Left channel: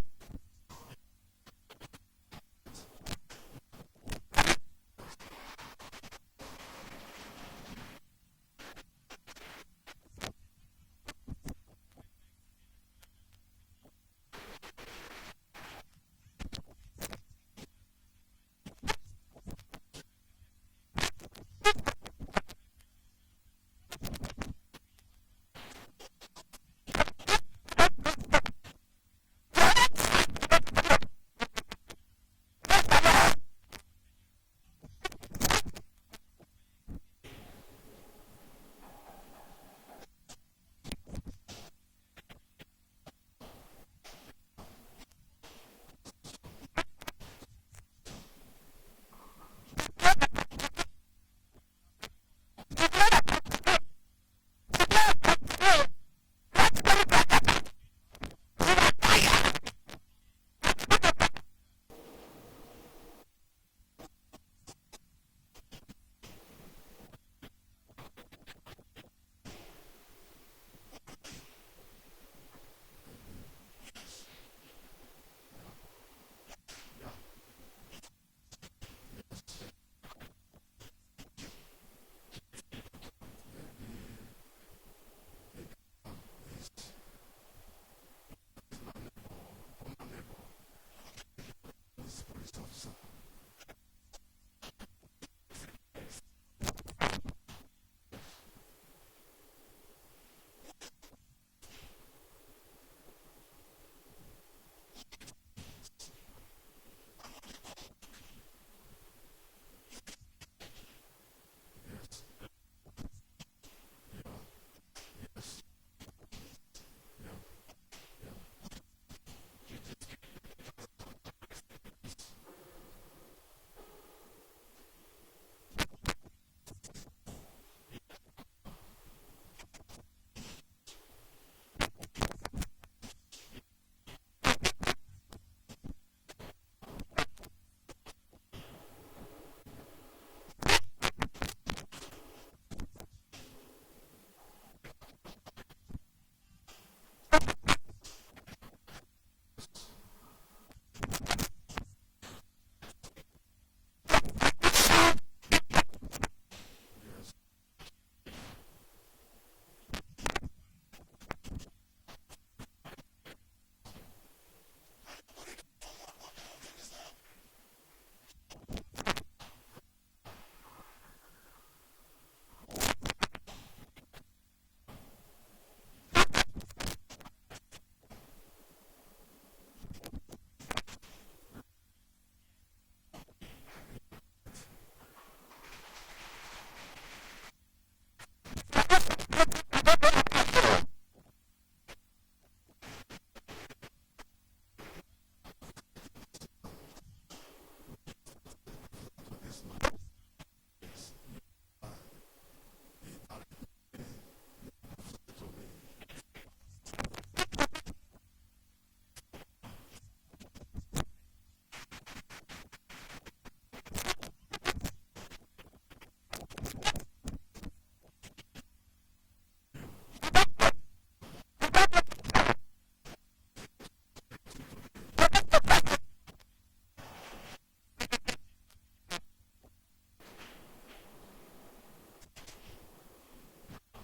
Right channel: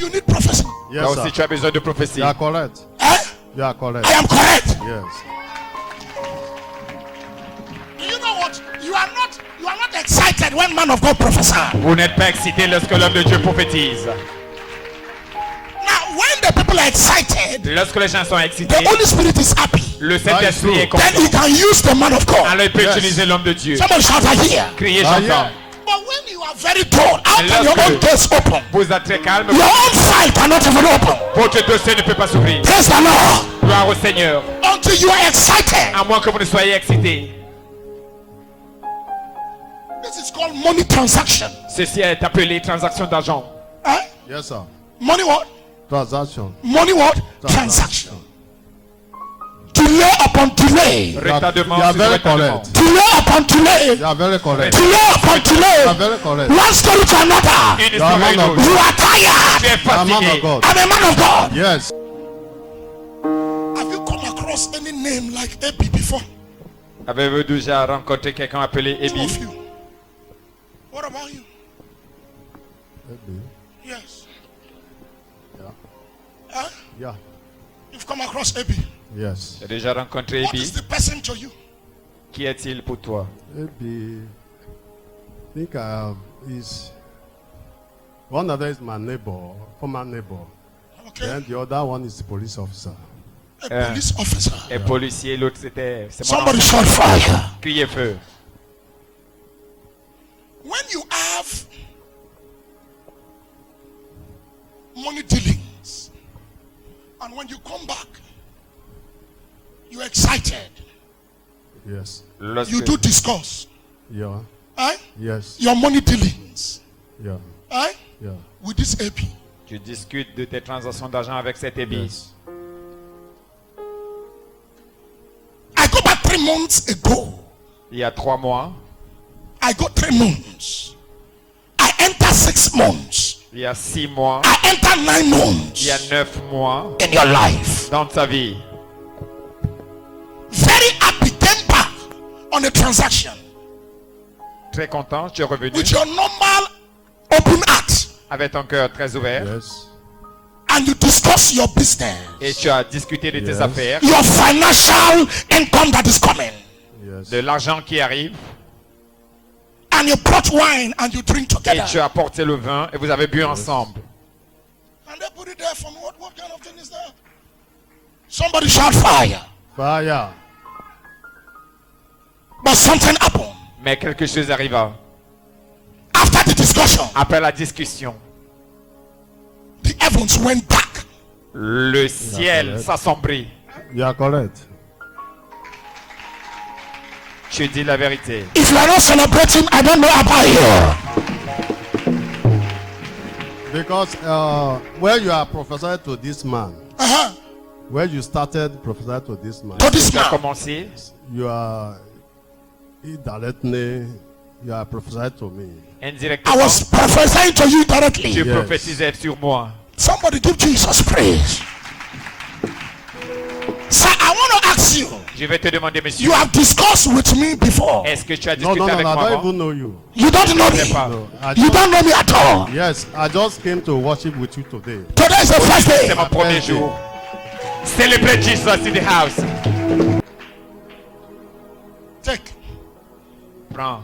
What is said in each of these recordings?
you need prophecy. Yes, Toi sir. aussi tu as besoin de prophétie. You are correct. Eh? You are correct. I am correct. Yes. Do you know what? You are not excited when man of God prophesy. Vous n'êtes pas excité lorsque l'homme de Dieu prophétise. Now, when the people are excited, Lorsque les gens sont excités, the Holy Spirit is happy. le Saint-Esprit est Then he content. can use the man of God. Alors il peut Yes. utiliser l'homme de Dieu. Somebody shout I hear. Crier, Ah, j'entends. yeah. But when you are very dull, how can your Lorsque- own gates open? Vous êtes très calme. Your own file cannot even open. Votre dossier ne peut pas s'ouvrir. Praise the Lord. Gloire au Seigneur. Until you are excited. À moins que vous ne soyez excité. This is called money transaction. Ceci est appelé transaction d'argent. Eh? Yes, sir. Money what? Transaction. Money what? Transaction. Delay upon delay. Retardement, You are sur very retardement. correct. Delay upon delay. You are very correct. Delay upon You delay. are very correct. One story to another. Une You are histoire man une of autre. You are tired. Tu es You are man of fatigué. God. I'm a man of God. Yes. Have you come across any name like Epi before? Avez-vous déjà rencontré quelqu'un appelé Two Ebi? of you. What about you? Yes. Huh? Yeah. You've come across Epi. Yes. Tu as déjà rencontré What is Ebi? the person to you? Qui est-il pour toi? Maybe. I think is one of them is my neighbor, former neighbor. Okay. Then the other one is the police officer. A police officer. Un policier, l'autre c'est mon Somebody ancien. shout fire. Criez feu. When you have money dealings and when you come back, you're excited. Yes. Lorsque, You do discuss. Yeah. Eh? Yes. Your money dealings. Yeah. Eh? Yeah. With this AP. tu discutes de tes transactions d'argent avec cet Ebi. Yes. I go back 3 months ago. Il y a 3 mois, I go 3 months. I enter 6 months. il y a 6 mois, I enter 9 il months y a 9 mois in your life. dans ta vie. Very happy, came back on a transaction Très content, tu es revenu with your normal open heart avec ton cœur très ouvert Yes. and you discuss your business, et tu as discuté de tes Yes. affaires, your financial income that is coming, Yes. de l'argent qui arrive and you brought wine and you drink et together. tu as apporté le vin et vous avez bu ensemble. And they put it there for me. What kind of thing is that? Somebody shout fire. Fire. But something happened. Mais quelque chose arriva. After the discussion, Après la discussion, the heavens went dark. le ciel correct. s'assombrit. You are correct. Tu dis la vérité. If you are not celebrating, I don't know about you. Because when you are prophesying to this man, Uh-huh. when you started prophesying to this man, To this Tu as man. commencé, you are indirectly you are prophesying to me. I indirectement, was prophesying to you directly. tu Yes. prophétisais sur moi. Somebody give Jesus praise. Sir, I want to ask you. Je vais te demander, monsieur, You have discussed with me before. est-ce que tu as No, discuté no, no, avec no, I moi don't avant? even know you. You don't know Je ne sais me. pas. No, I You just, don't know me at all. yes, I just came to worship with you today. Today is the first C'est day. mon premier jour. Celebrate Jesus in the house. Take. Prends.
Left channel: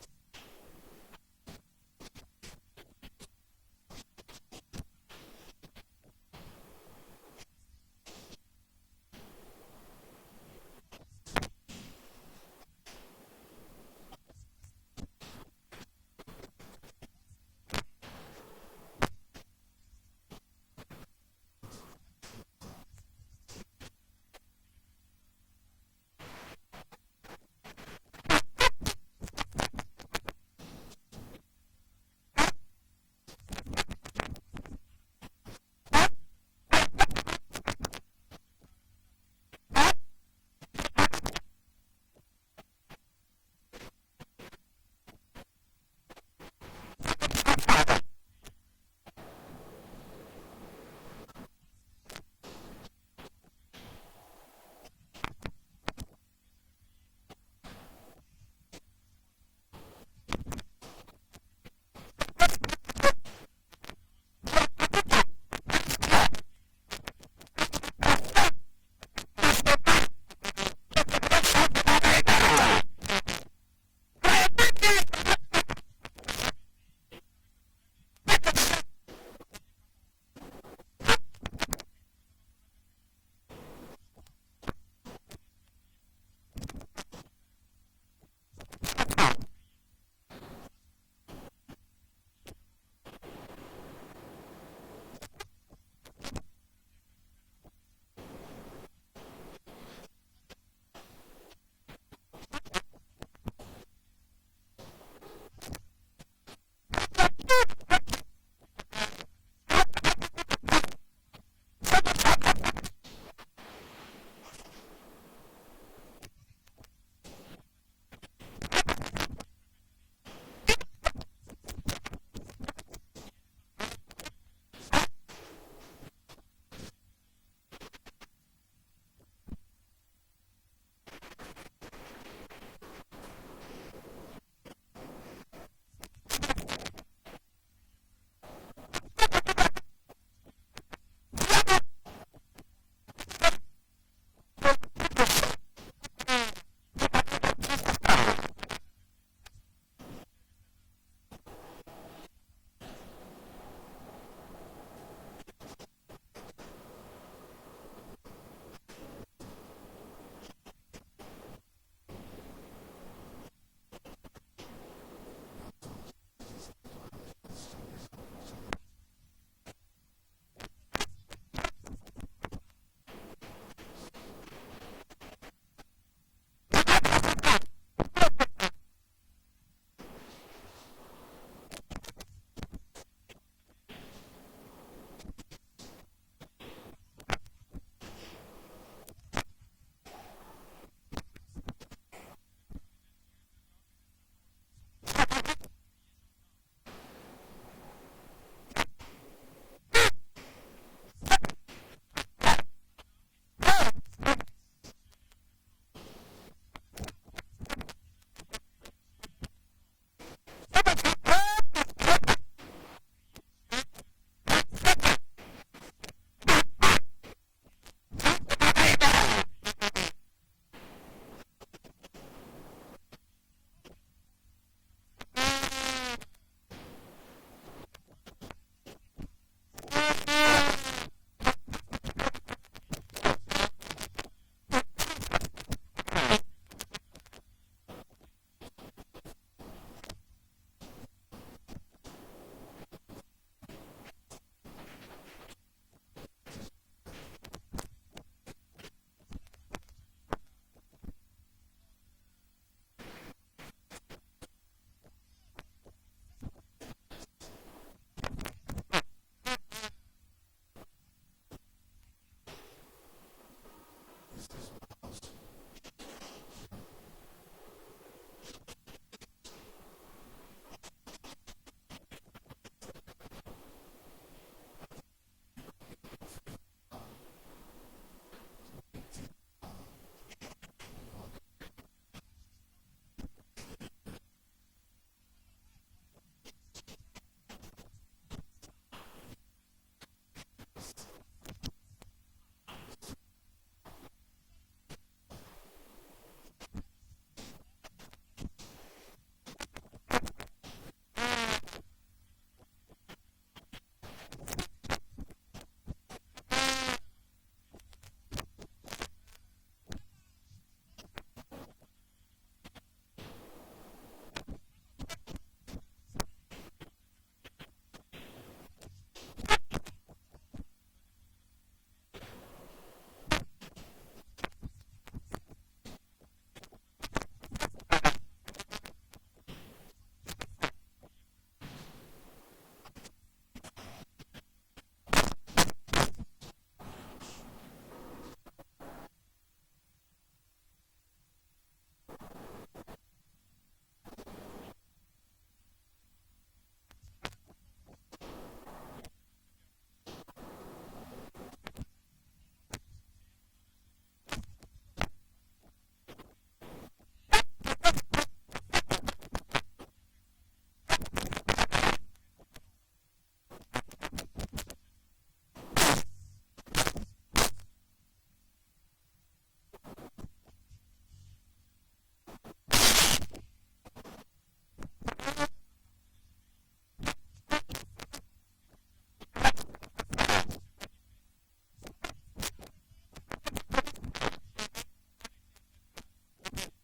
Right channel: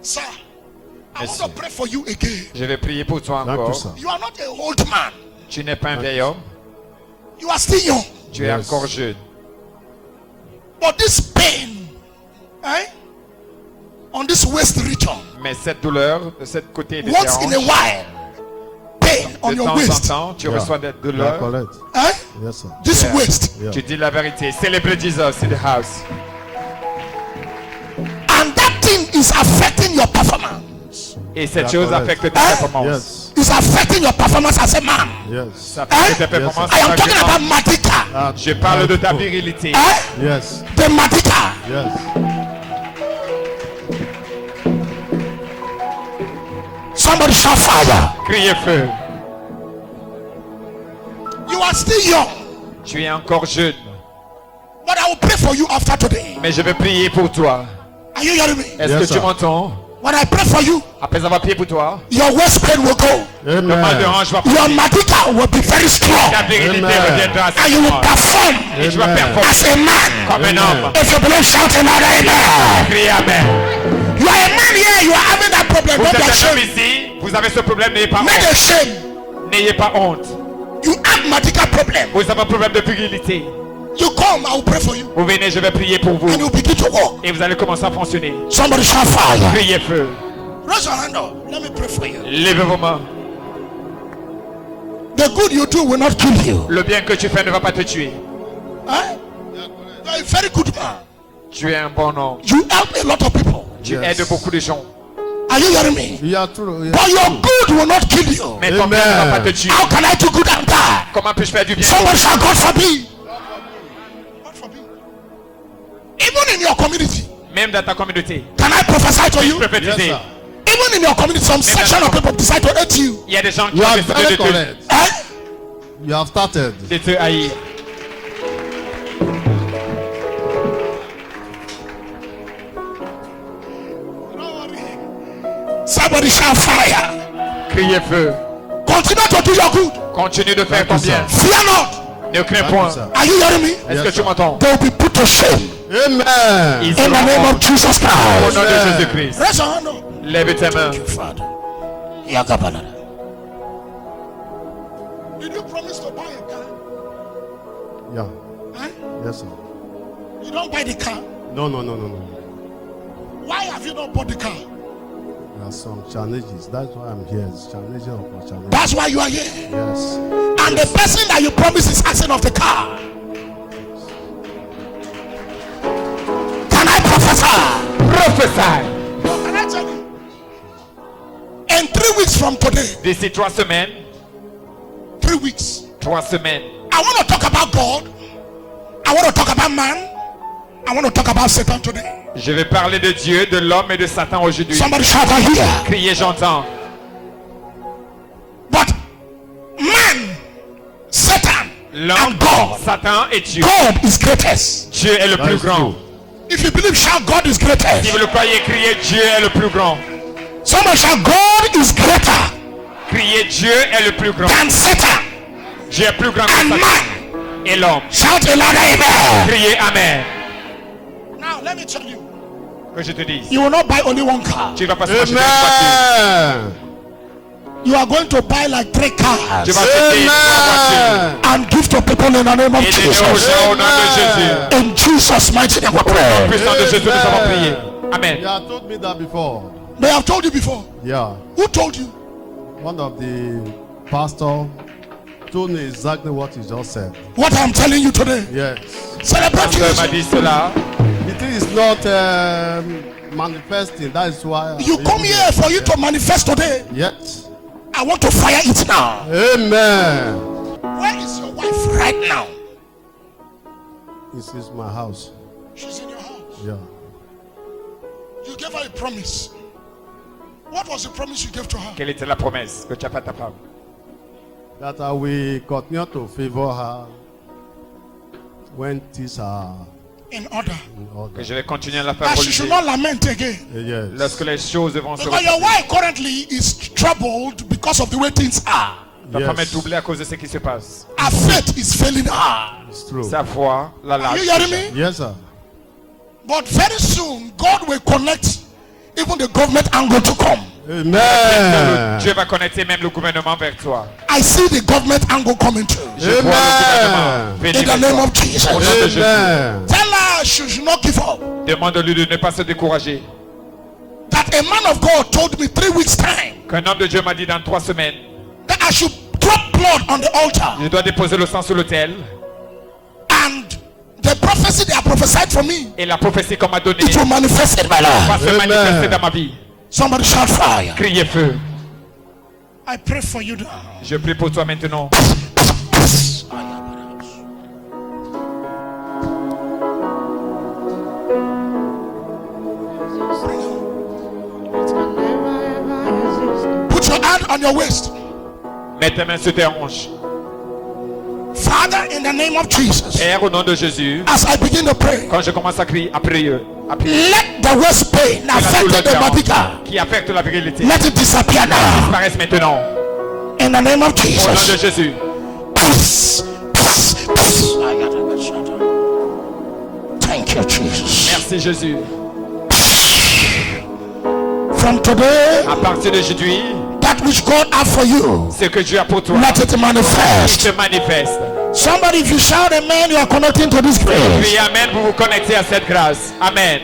Sir, I Merci. want to pray for you again. Je vais prier pour toi Thank you, encore. sir. You are not a old man. Tu n'es pas un vieil homme, You are still young. tu es Yes. encore jeune. But this pain, eh, on this waist region, Mais cette douleur de ce côté de tes once in a hanches, while, pain on de your temps en waist, temps, tu Yeah. reçois des You are douleurs. correct. eh, Yes, sir. this Yeah. waist, Yeah. Tu dis la vérité. Celebrate Jesus in the house. and that thing is affecting your performance. Et cette Yeah, chose correct. affecte tes Hein? performances. Yes. It's affecting your performance as a man. Yes. Ça affecte Hein? tes performances. I am talking en tant que about homme. Madika. Je parle de ta virilité. Eh? Yes. The Madika. Yes. Somebody shout fire. Criez feu. You are still young, Tu es encore jeune. but I will pray for you after today. Mais je vais prier pour toi. Are you hearing me? Est-ce Yes, que tu sir. m'entends? When I pray for you, après avoir prié pour toi, your waist pain will go. le mal de Amen. hanche va Your partir. medical will be very strong. Ta virilité Amen. reviendra And you will à perform et tu vas Amen. performer as a man. comme un homme. If you believe, shout another amen. Criez Amen. You are a man here, you are having that problem. Vous Don't be êtes un homme ashamed. ici, vous avez ce problème, n'ayez pas Not honte. ashamed. N'ayez pas honte. You have medical problem. Vous avez un problème de virilité. You come, I will pray for you. Vous venez, je vais prier pour vous. And you begin to walk. Et vous allez commencer à fonctionner. Somebody shout fire. Criez feu. Raise your hand up. Let me pray for you. Levez vos mains. The good you do will not kill you. Le bien que tu fais ne va pas te tuer. Huh? You are a very good man. Tu es un bon homme. You help a lot of people. Tu Yes. aides beaucoup de gens. Are you hearing me? Yeah, true. Yeah, But your true. good will not kill you. Mais ton bien ne va pas te Amen. tuer. How can I do good and die? Comment puis-je faire du bien? Somebody shout, God forbid. God forbid. Even in your community, Même dans ta communauté. can I prophesy to you? Prophétiser. Yes, sir. Even in your community, some section of people decide to hate you. Il y a des gens qui You ont are décidé very de correct. Eh? You have started. te haïr. Somebody shout fire. Criez feu. Continue to do your good. Continue de faire Thank ton you, bien. sir. Fear not. Ne crains Thank you, point. sir. Are you hearing me? Est-ce Yes, que tu sir. m'entends? They will be put to shame Amen. Ils in the seront name morts. of Jesus Au Christ. nom de Amen. Jésus-Christ. Raise your hand up. Lève tes mains. Father. Yagabalada. Did you promise to buy a car? Yeah. Huh? Yes, sir. You don't buy the car. No. Why have you not bought the car? There are some challenges. That's why I'm here. It's challenges upon challenges. That's why you are here. Yes. And the person that you promised is asking of the car. Can I prophesy? Prophesy. Can I tell you? In 3 weeks from today, D'ici 3 semaines, 3 weeks, 3 semaines, I want to talk about God. I want to talk about man. I want to talk about Satan today. je vais parler de Dieu, de l'homme et de Satan aujourd'hui. Somebody shout out here. Criez, j'entends. But man, Satan, L'homme, and God. Satan et Dieu. God is greatest. Dieu est le That plus is grand. true. If you believe, shout God is Si greatest. vous le croyez, criez, Dieu est le plus grand. Somebody shout God is greater Criez, Dieu est le plus grand. than Satan Dieu est plus grand que and Satan man. et l'homme. Shout a louder amen. Criez Amen. Now let me tell you, Que je te dise. you will not buy only one car. Tu ne vas pas s'acheter une voiture. Amen. You are going to buy like 3 cars Tu vas acheter 3 voitures. Amen. and give to people in the name of Et donner aux Jesus. gens au nom de Jésus. In Jesus' mighty name we Au nom pray. puissant de Jésus, nous avons prié. Amen. You have told me that before. They have told you before. Yeah. Who told you? One of the pastor told me exactly what he just said. What I'm telling you today. Yes. Celebrate Dieu m'a Jesus. dit cela. It is not manifesting. That is why. You come here for you to manifest today. Yet. I want to fire it now. Amen. Where is your wife right now? This is my house. She's in your house. Yeah. You gave her a promise. What was the promise you gave to her? Quelle était la promesse que tu as faite à ta femme? That I will continue to favor her when things are In order. in order. Que je vais continuer à la faire That she should relier. not lament again. Yes. Lorsque les choses vont se Because your repasser. wife currently is troubled because of the way things are. Ta femme est Yes. troublée à cause de ce qui se passe. Her faith is failing her. It's true. Sa foi, la Are you lâche. hearing me? Yes, sir. But very soon, God will connect even the government angle to come. Amen. Dieu va connecter même le gouvernement vers toi. I see the government angle coming too. Je vois le gouvernement Amen. venir In the vers name toi. of Jesus. Au nom de Jésus. Amen. Tell her she should not give up. Demande-lui de ne pas se décourager. That a man of God told me 3 weeks time Qu'un homme de Dieu m'a dit dans 3 semaines, that I should drop blood on the altar. je dois déposer le sang sur l'autel. And the prophecy they have prophesied for me, Et la prophétie qu'on m'a donnée it will manifest in my va life. se Amen. manifester dans ma vie. Somebody shout fire. Criez feu. I pray for you now. Je prie pour toi maintenant. Put your hand on your waist. Mets tes mains sur tes hanches. Father, in the name of Jesus, Père, au nom de Jésus, as I begin to pray, quand je commence à crier, à prier, Appuyez. Let the waist pain La affect douleur the body. qui affecte la virilité Let it disappear now. disparaisse maintenant. In the name of Au nom de Jesus. Jésus. Peace, peace, peace. Thank you, Jesus. Merci Jésus. From today, À partir d'aujourd'hui, that which God has for you, ce que Dieu a pour toi, let it manifest. se manifeste. Somebody, if you shout amen, you are connecting to this grace. Puis Amen, vous vous connectez à cette grâce. Amen.